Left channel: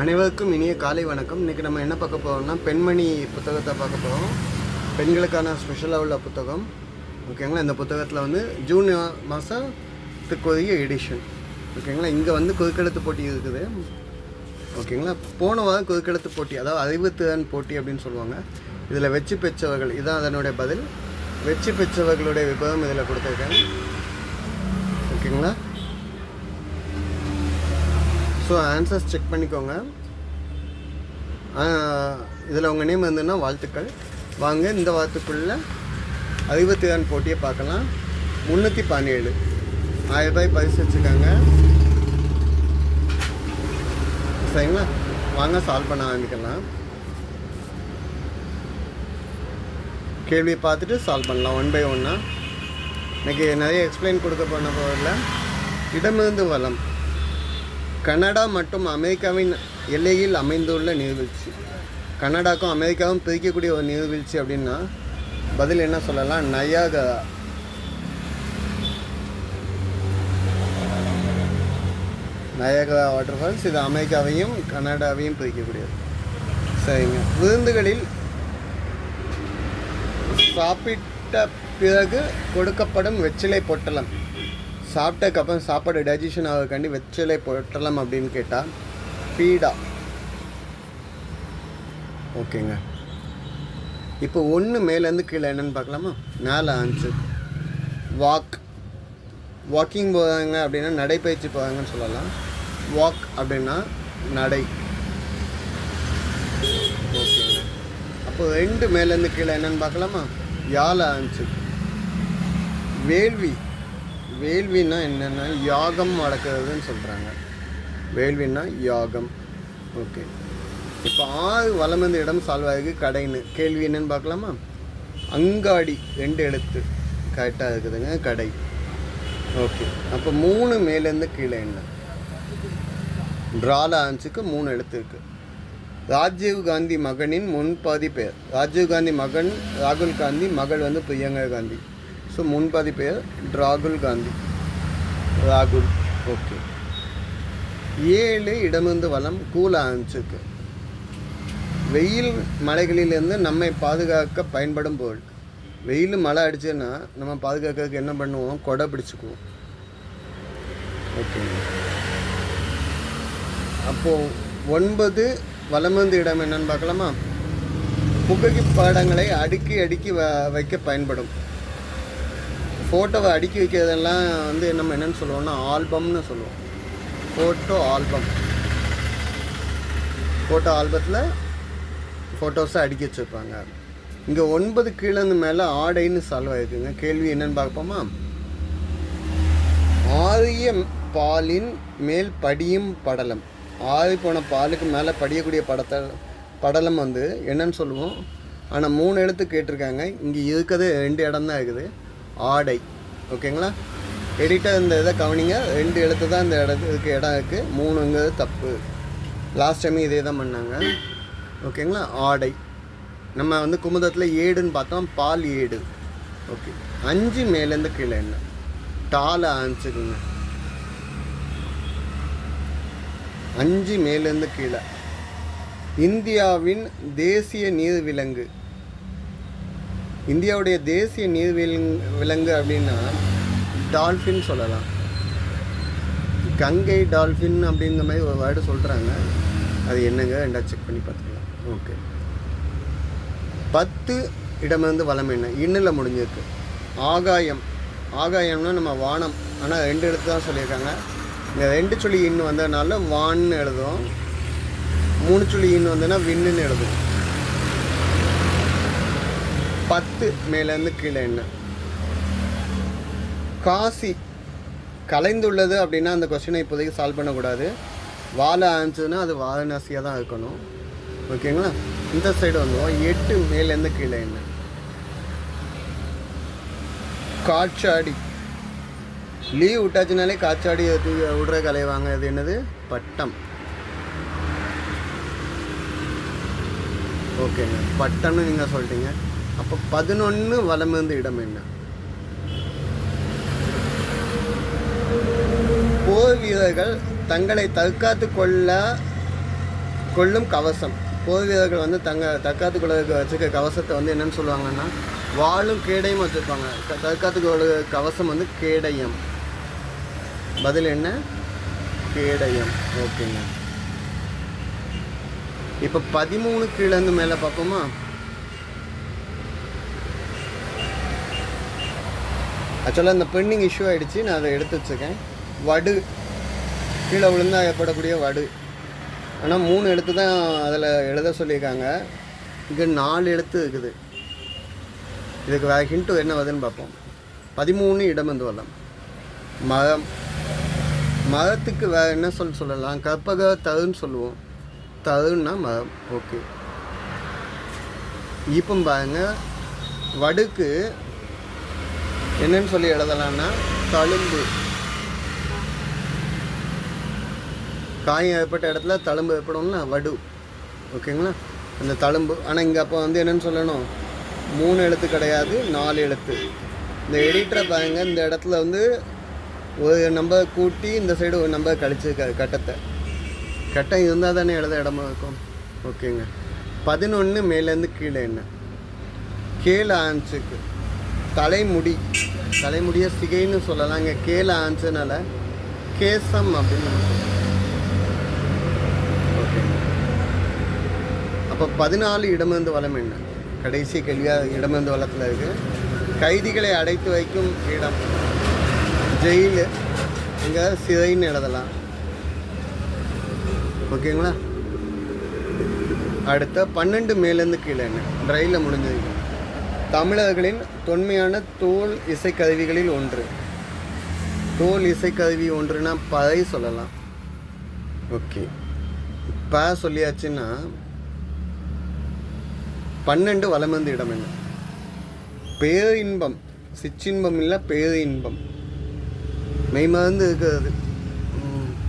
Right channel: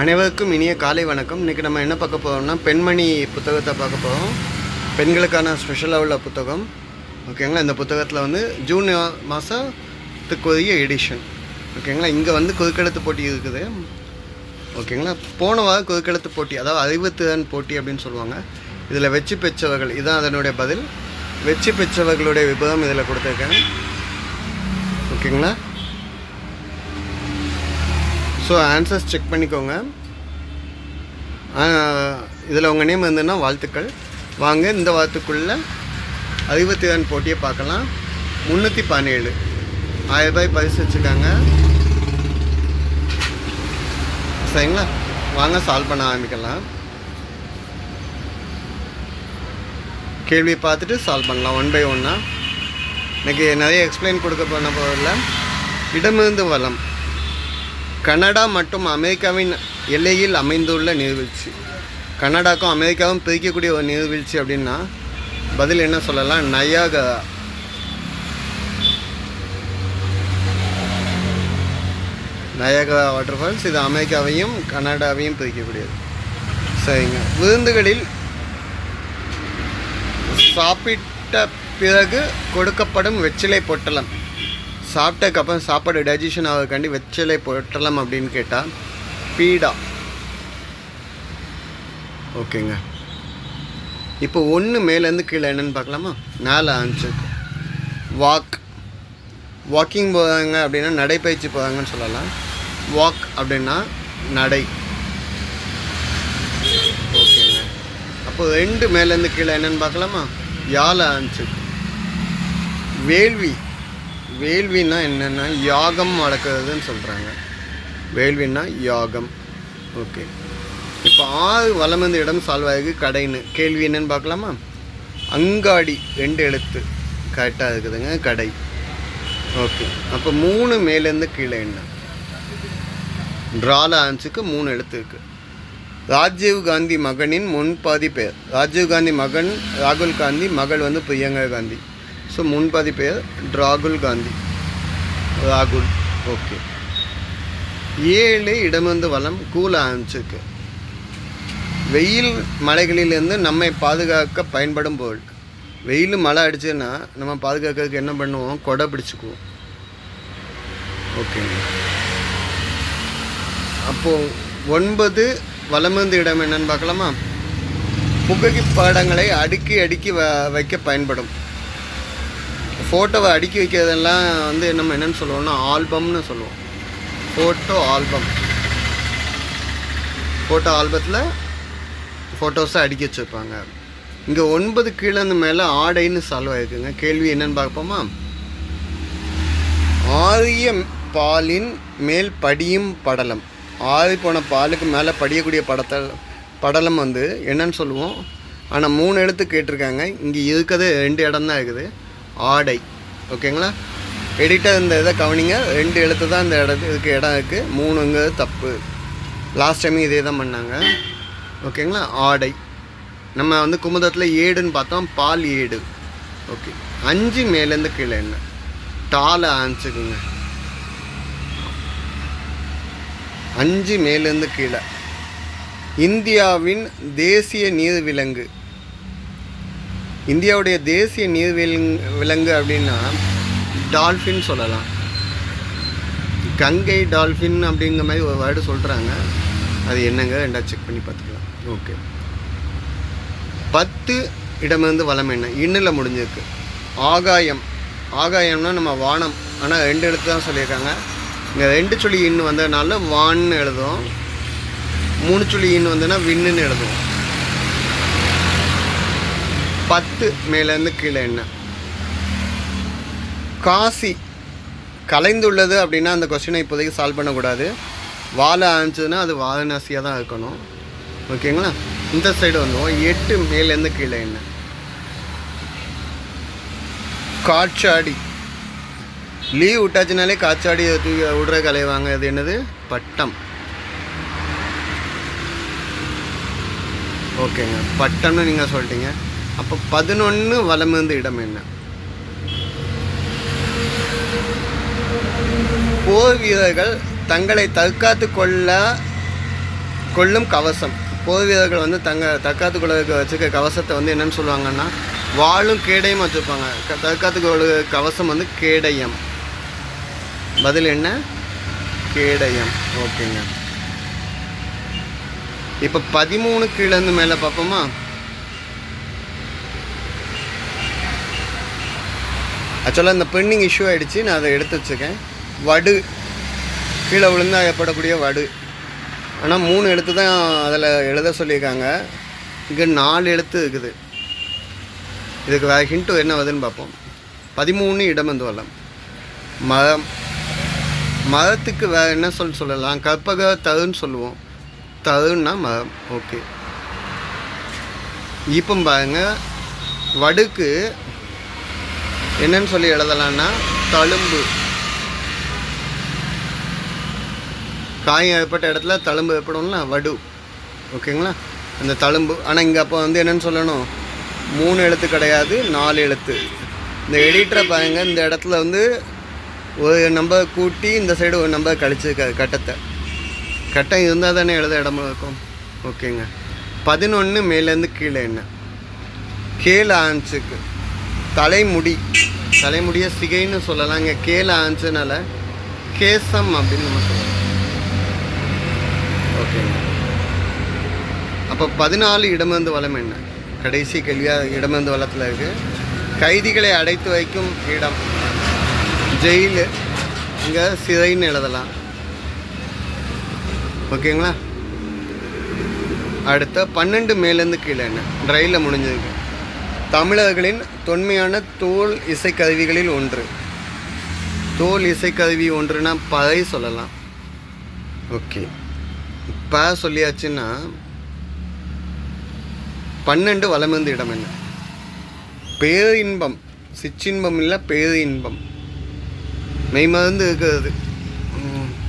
அனைவருக்கும் இனிய காலை வணக்கம். இன்றைக்கி நம்ம என்ன பார்க்க போகிறோம்னா பெண்மணி புத்தகத்தை பார்க்க போகிறோம். பெண்களுக்கான ஸ்பெஷலாக உள்ள புத்தகம். ஓகேங்களா. இந்த புத்தகத்தில் வந்து ஜூன் மாதத்துக்குரிய எடிஷன். ஓகேங்களா. இங்கே வந்து குறுக்கெழுத்து போட்டி இருக்குது. ஓகேங்களா. போன வாரம் குறுக்கெழுத்து போட்டி, அதாவது அறிவுத்திறன் போட்டி அப்படின்னு சொல்லுவாங்க. இதில் வெற்றி பெற்றவர்கள், இதுதான் அதனுடைய பதில். வெற்றி பெற்றவர்களுடைய விபரம் இதில் கொடுத்துருக்கேன். ஓகேங்களா. ஸோ ஆன்சர்ஸ் செக் பண்ணிக்கோங்க. இதில் உங்கள் நேம் இருந்ததுன்னா வாழ்த்துக்கள். வாங்க இந்த வாரத்துக்குள்ளே அறிவுத்திறன் போட்டியை பார்க்கலாம். 317 1000 ரூபாய் பரிசு வச்சுருக்காங்க. சரிங்களா. வாங்க சால்வ் பண்ண ஆரம்பிக்கலாம். கேள்வியை பார்த்துட்டு சால்வ் பண்ணலாம் ஒன் பை ஒன்னாக. எனக்கு நிறைய எக்ஸ்பிளைன் கொடுக்க போன போதில் இடமிருந்து வளம். கனடா மற்றும் அமெரிக்காவின் எல்லையில் அமைந்துள்ள நீர்வீழ்ச்சி. கனடாக்கும் அமெரிக்காவும் பிரிக்கக்கூடிய ஒரு நீர்வீழ்ச்சி அப்படின்னா பதில் என்ன சொல்லலாம்? நயாகரா. Niagara waterfalls. இது அமெரிக்காவையும் கனடாவையும் பிரிக்கக்கூடியது. சரிங்க. விருந்துகளில் சாப்பிட்ட பிறகு கொடுக்கப்படும் வெற்றிலை பொட்டலம். சாப்பிட்டதுக்கப்புறம் சாப்பாடு டைஜஷன் ஆகிறதுக்காண்டி வெற்றிலை பொட்டலம் அப்படின்னு கேட்டால் பீடா. ஓகேங்க. இப்போ ஒன்று மேலேருந்து கீழே என்னென்னு பார்க்கலாமா? 4 ஆன்சர். வாக்கிங் போகிறாங்க அப்படின்னா நடைப்பயிற்சி போகிறாங்கன்னு சொல்லலாம். வாக் அப்படின்னா நடை. ஓகேங்க. அப்போ 2 மேலேருந்து கீழே என்னென்னு பார்க்கலாமா? 4 ஆன்சர். வேள்வின்னா என்னென்னா யாகம் வளர்க்குறதுன்னு சொல்கிறாங்க. வேள்வின்னா யாகம். ஓகே. இப்போ 6 வலமிருந்து இடம் சால்வ் ஆகுது. கடைன்னு கேள்வி என்னென்னு பார்க்கலாமா? அங்காடி 2 எழுத்து கரெக்டாக இருக்குதுங்க. கடை. ஓகே. அப்போ 3 மேலேருந்து கீழே என்ன? ட்ரால ஆன்ஸுக்கு 3 எழுத்து இருக்குது. ராஜீவ் காந்தி மகனின் முன்பாதி பெயர். ராஜீவ் காந்தி மகன் ராகுல் காந்தி, மகள் வந்து பிரியங்கா காந்தி. ஸோ முன்பாதி பெயர் ராகுல் காந்தி. ராகுல். ஓகே. 7 இடமிருந்து வளம். கூல ஆன்ஸுக்கு. வெயில் மலைகளிலிருந்து நம்மை பாதுகாக்க பயன்படும் பொருள். வெயில் மழை அடிச்சுன்னா நம்ம பாதுகாக்கிறதுக்கு என்ன பண்ணுவோம்? கொடை பிடிச்சிக்குவோம். ஓகேங்க. அப்போது 9 வலமிருந்து இடம் என்னன்னு பார்க்கலாமா? புகைப்படங்களை அடுக்கி வைக்க பயன்படும். ஃபோட்டோவை அடுக்கி வைக்கிறதெல்லாம் வந்து நம்ம என்னென்னு சொல்லுவோம்னா ஆல்பம்னு சொல்லுவோம். Photo album. ஃபோட்டோ ஆல்பத்தில் ஃபோட்டோஸை அடுக்கி வச்சுருப்பாங்க. இங்கே 9 கீழேருந்து மேலே ஆடைன்னு சால்வ் ஆகிருக்குங்க. கேள்வி என்னென்னு பார்ப்போமா? ஆறிய பாலின் மேல் படியும் படலம். ஆறி போன பாலுக்கு மேலே படியக்கூடிய படலம் வந்து என்னன்னு சொல்லுவோம்? ஆனால் 3 எழுத்து கேட்டிருக்காங்க. இங்கே இருக்கிறது 2 இடம் தான் இருக்குது. ஆடை. ஓகேங்களா. எடிட்டர் இந்த இதை கவனிங்க. 2 எழுத்து தான் இந்த இதுக்கு இடம் இருக்குது. 3ங்கிறது தப்பு. லாஸ்ட் டைம் இதே தான் பண்ணாங்க. ஓகேங்களா. ஆடை. நம்ம வந்து குமுதத்தில் ஏடுன்னு பார்த்தோம். பால் ஏடு. ஓகே. 5 மேலேருந்து கீழே என்ன? டால ஆன்சருங்க. 5 மேலேருந்து கீழே. இந்தியாவின் தேசிய நீர்விலங்கு. இந்தியாவுடைய தேசிய விலங்கு அப்படின்னா டால்ஃபின் சொல்லலாம். கங்கை டால்ஃபின் அப்படிங்கிற மாதிரி ஒரு வேர்டு சொல்கிறாங்க. அது என்னங்க? 2 செக் பண்ணி பார்த்துக்கலாம். ஓகே. 10 இடமிருந்து வளம் என்ன? இன்னில் முடிஞ்சிருக்கு. ஆகாயம். ஆகாயம்னா நம்ம வானம். ஆனால் 2 எழுத்து தான் சொல்லியிருக்காங்க. இங்கே 2 சொல்லி இன்னு வந்ததுனால வான்னு எழுதுவோம். 3 சொல்லி இன்னு வந்ததுன்னா விண்ணுன்னு எழுதுவோம். 10 மேலேருந்து கீழே என்ன? காசி. கலைந்துள்ளது அப்படின்னா அந்த கொஸ்டினை இப்போதைக்கு சால்வ் பண்ணக்கூடாது. வாழை ஆன்சர்னா அது வாரணாசியாக தான் இருக்கணும். ஓகேங்களா. இந்த சைடு வந்துவோம். 8 மேலேருந்து கீழே என்ன? காற்றாடி. லீவ் விட்டாச்சுனாலே காற்றாடி தூக்கி விடுற கலைவாங்க. அது என்னது? பட்டம். ஓகேங்க. பட்டம்னு நீங்கள் சொல்லிட்டீங்க. அப்போ 11 வலமிருந்து இடம் என்ன? போர் வீரர்கள் தங்களை தற்காத்து கொள்ள கொள்ளும் கவசம். போர் வீரர்கள் வந்து தற்காத்து கொள்ளுக்கு வச்சுருக்க கவசத்தை வந்து என்னென்னு சொல்லுவாங்கன்னா வாளும் கேடயம் வச்சுருப்பாங்க. தற்காத்து கொள்ளு கவசம் வந்து கேடயம். பதில் என்ன? கேடயம். ஓகேங்க. இப்போ 13 கீழேருந்து மேலே பார்ப்போமா? ஆக்சுவலாக இந்த பெண்டிங் இஷ்யூ ஆகிடுச்சு, நான் அதை எடுத்து வச்சுருக்கேன். வடு, கீழே விழுந்தால் ஏற்படக்கூடிய வடு. ஆனால் 3 எழுத்து தான் அதில் எழுத சொல்லியிருக்காங்க. இங்கே 4 எழுத்து இருக்குது. இதுக்கு வேறு ஹிண்ட்டு என்ன வருதுன்னு பார்ப்போம். 13 இடமந்து வல்லம். மரம், மரத்துக்கு வேறு என்ன சொல்லலாம்? கற்பக தருன்னு சொல்லுவோம். தருன்னா மரம். ஓகே. இப்போ பாருங்க, வடுக்கு என்னன்னு சொல்லி எழுதலான்னா தழும்பு. காயம் ஏற்பட்ட இடத்துல தழும்பு ஏற்படும்ல, வடு. ஓகேங்களா? அந்த தழும்பு. ஆனால் இங்கே அப்போ வந்து என்னென்னு சொல்லணும்? 3 எழுத்து கிடையாது, 4 எழுத்து. இந்த எடிட்டரை பாருங்க, இந்த இடத்துல வந்து ஒரு நம்பர் கூட்டி இந்த சைடு ஒரு நம்பர் கழிச்சிருக்காரு. கட்டம் இருந்தால் தானே எழுத இடமா இருக்கும். ஓகேங்க. 11 மேலேருந்து கீழே என்ன? கீழே ஆன்ஸுக்கு தலைமுடியை சிகைன்னு சொல்லலாம். இங்கே கீழே ஆன்ஸுனால கேசம் அப்படின்னு நம்ம சொல்லலாம். ஓகேங்க. அப்போ 14 இடமிருந்து வளம் என்ன? கடைசி கேள்வியாக இடமிருந்து வளத்தில் இருக்குது. கைதிகளை அடைத்து வைக்கும் இடம் ஜெயிலு. இங்கே சிறைன்னு எழுதலாம். ஓகேங்களா? அடுத்த 12 மேலேருந்து கீழே என்ன? ரயிலில் முடிஞ்சிருக்கு. தமிழர்களின் தொன்மையான தோல் இசைக்கருவிகளில் ஒன்று. தோல் இசைக்கருவி ஒன்றுனா பறை சொல்லலாம். ஓகே. இப்போ சொல்லியாச்சுன்னா 12 வலமிருந்து இடம் என்ன? பேரின்பம். சிற்றின்பம் இல்லை, பேரின்பம். மெய்மருந்து இருக்கிறது.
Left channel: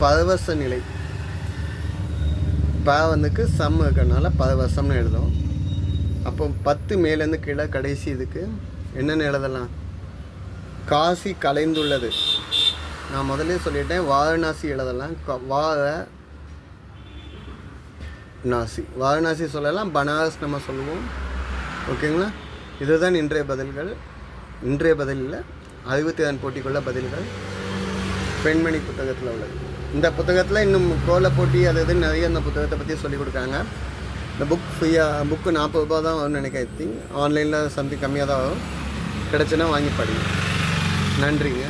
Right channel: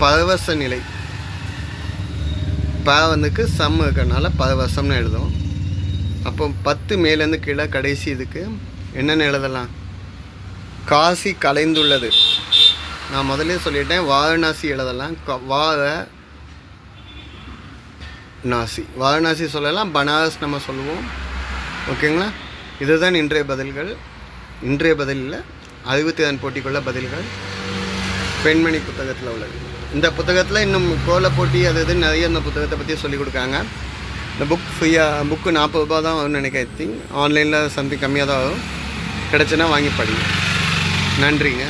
பரவச நிலை. வந்துக்கு சம் இருக்கிறதுனால பரவசம்னு எழுதும். அப்போ 10 மேலேருந்து கீழே கடைசி இதுக்கு என்னென்னு எழுதலாம்? காசி கலைந்துள்ளது. நான் முதலே சொல்லிட்டேன், வாரணாசி எழுதலாம். வாரணாசி சொல்லலாம், பனாரஸ் நம்ம சொல்லுவோம். ஓகேங்களா? இதுதான் இன்றைய பதில்கள். இன்றைய பதிலில் 60 போட்டிக்குள்ள பதில்கள் பெண்மணி புத்தகத்தில் உள்ளது. இந்த புத்தகத்தில் இன்னும் கோல போட்டி அது நிறைய இந்த புத்தகத்தை பற்றி சொல்லிக் கொடுக்காங்க. இந்த புக்கு 40 ரூபா தான் வரும்னு நினைக்கிறேன். ஆன்லைனில் சம்திங் கம்மியாக தான் வரும். கிடச்சுன்னா வாங்கி படிங்க. நன்றிங்க.